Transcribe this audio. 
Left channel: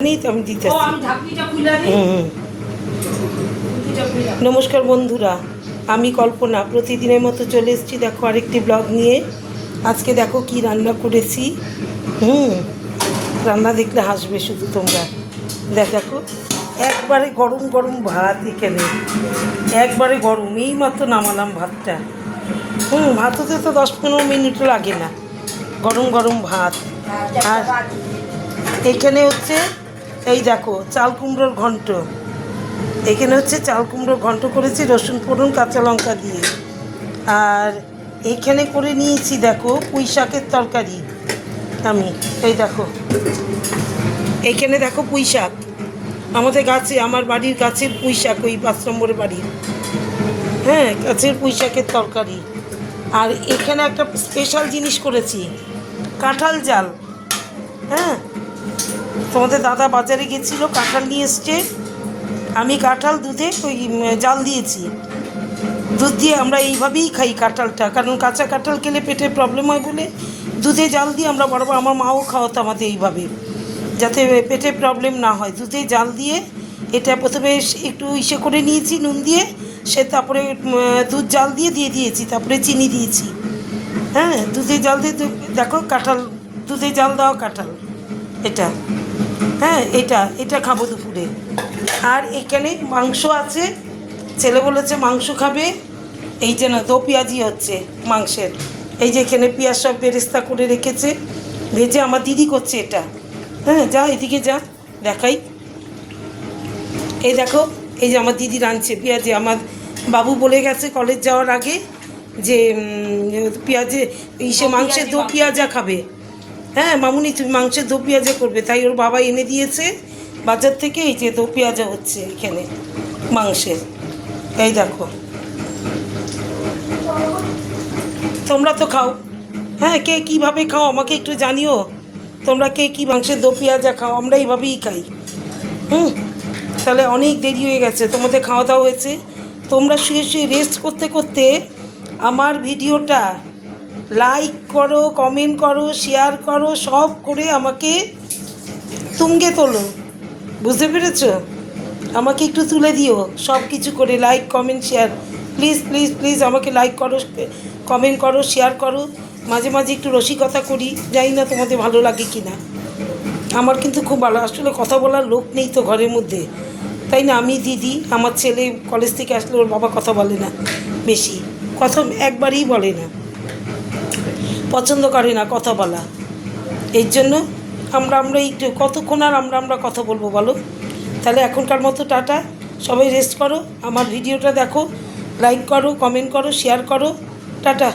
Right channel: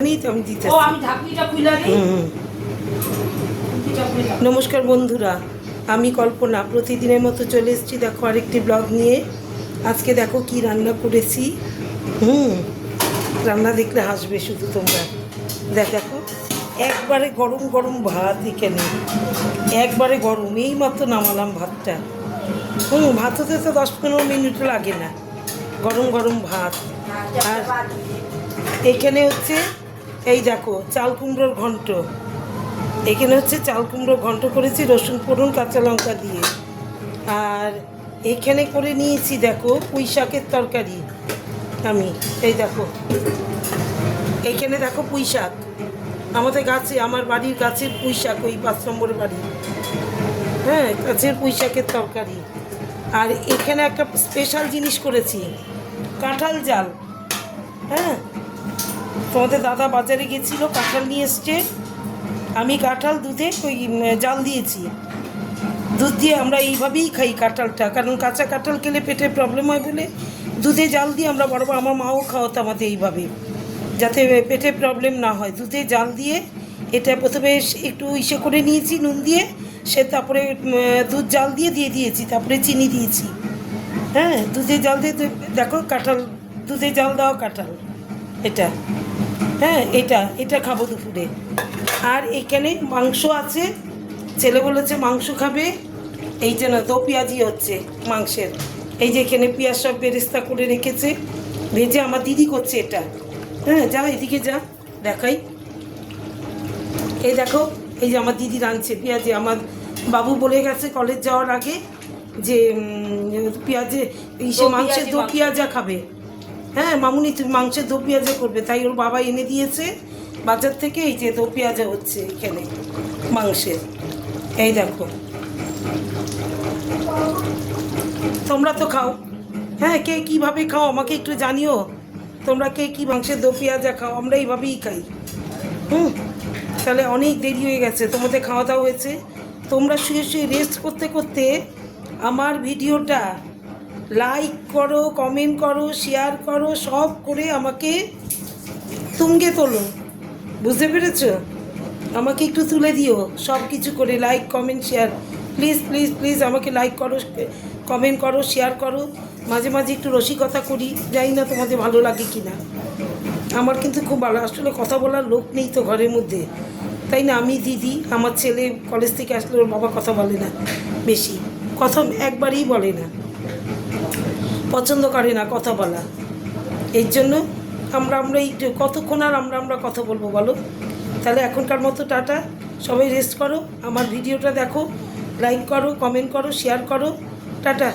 আমি দিতে নমস্কার বন্ধুরা, আমি কল্পনা প্রতিদিনের মতো চলে এসেছি। দেখো আরেকটি ব্লগ নিয়ে। আজকে দেখো কি রান্না করেছি। রান্না দেখলে হাসবে শুধু তোমরা। দেখো একবারে গরম গরম ভাত, এখানে একবারে গরম, এই মাত্র নামালাম ভাতটা। ভাত হতে তো 10-15 মিনিটও লাগে না, গরম গরম ভাত। আর এইখানে হচ্ছে এই দেখো চাল কুমড়োর ঘন্ট। এখানে হচ্ছে চাল কুমড়োর ঘন্ট করেছি রসুন ফোড়ন কাঁচা লঙ্কা দিয়ে। আর এইখানে করে নিয়েছি দেখো পুঁই শাকের তরকারি। আমি এই দেখো এইখানে দেখো পুঁই শাক, আমাদের গাছে, আমার বাড়ির গাছের পুঁই শাক, ওই 5 নম্বরের বাড়ির, গাছের পুঁই শাকের তরকারি। আর এখানে একটা স্পেশাল জিনিস করেছি, কাঁঠাল জাল। তোমাদের দাদা বাজারে গেছিলো, কাঁঠাল নিয়ে এসছে। আমি কাঁঠাল দুধে ওই জাল দিয়েছি। দুধ দিয়ে আমরা এইভাবেই খাই কাঁঠালটা, কারণ কাঁচা কাঁঠাল খেলে পেটে প্রবলেম হয় বলে দুধে জাল দিয়ে আমরা বরাবর, আমার মাও খাওয়াতো আমাদের এইভাবে, যাতে পেটে প্রবলেম না হয়। দুধে জাল দিয়ে এটা প্রথমে একটু ইসে করে নিয়েছি নুন দিয়ে, সে তারপরে দুধ জাল দিয়ে দিয়েছি, তারপরে চিনি দিয়েছি। দুধে জাল দিয়ে দেখো কাঁঠাল, দুধে জাল দেওয়া কাঁঠাল এটা। এটা খাবো দুপুরে। আর এখানে মাংস আছে, ছেলে বলেছে মাংস খাবে। এই যে না, দো পেঁয়াজি হচ্ছে মাংসের। এই যে এখানে পেঁয়াজ সব বেরেস্তা করে রেখেছে, ভেজে আমার দিদি করছে এটা। যা এদিকে যা, দেখাই। এই দেখো, এই যে আমার দিদি রাঁধছে পেঁয়াজি। আমার বাবু বলে গেছে কলেজ যাওয়ার আগে যে পেঁয়াজে মাংসের দো পেঁয়াজা খাবে। মামুনি তুমি মাংসের দো পেঁয়াজা করবে, তাই ওর বাবা এনে দিয়েছে বাজার থেকে। এই যে দো পেঁয়াজা হচ্ছে এখানে মাংসের। এই দেখো, তোমরা তো খাও, কে কীভাবে খাও আমাকে একটু জানিও। তোমরা কে কী মাংসের দো পেঁয়াজা খাও? আমরা এইভাবেই খাই। তাহলে অনেক দেরি হয়ে গেছে, তোমাদের খাওয়া দাওয়া হয়েছে। তোমরা শুয়ে শুয়ে রেস্ট করতে করতে আমার ভিডিওটা লাইক করো, কমেন্ট করো, শেয়ার করো, সব করে আমাকে তুঙ্গে তোলো। বুঝতে পেরেছ? আমাকে একটু তুলে দিও সব কিছু করে, like comment share. Please please please আমাকে লাইক করো, কমেন্ট করো, শেয়ার করো। মাঝে মাঝে একটু রসিকতা করি, জানি না তোমাদের ভালো লাগে কি না। আমার কিন্তু খুব ভালো, আসলে কথা বলার লোক নেই তো ঘরের মধ্যে, তাই না? আমি দিদি, আমার ছেলে কলেজ থেকে আসলে ওর বাবা কথা বলে না বেশি, কথা একবারেই বলে না, পছন্দ করে না কথা বলা। এই জন্য আমরা একটু কতক্ষণ আর আমরা কথা বলবো বলো? তাহলে এখনকার মতো টাটা, সবাই রেস্ট করো, আমার ভিডিওটা দেখো, লাইক করো, কমেন্ট করো, শেয়ার করো, টাটা।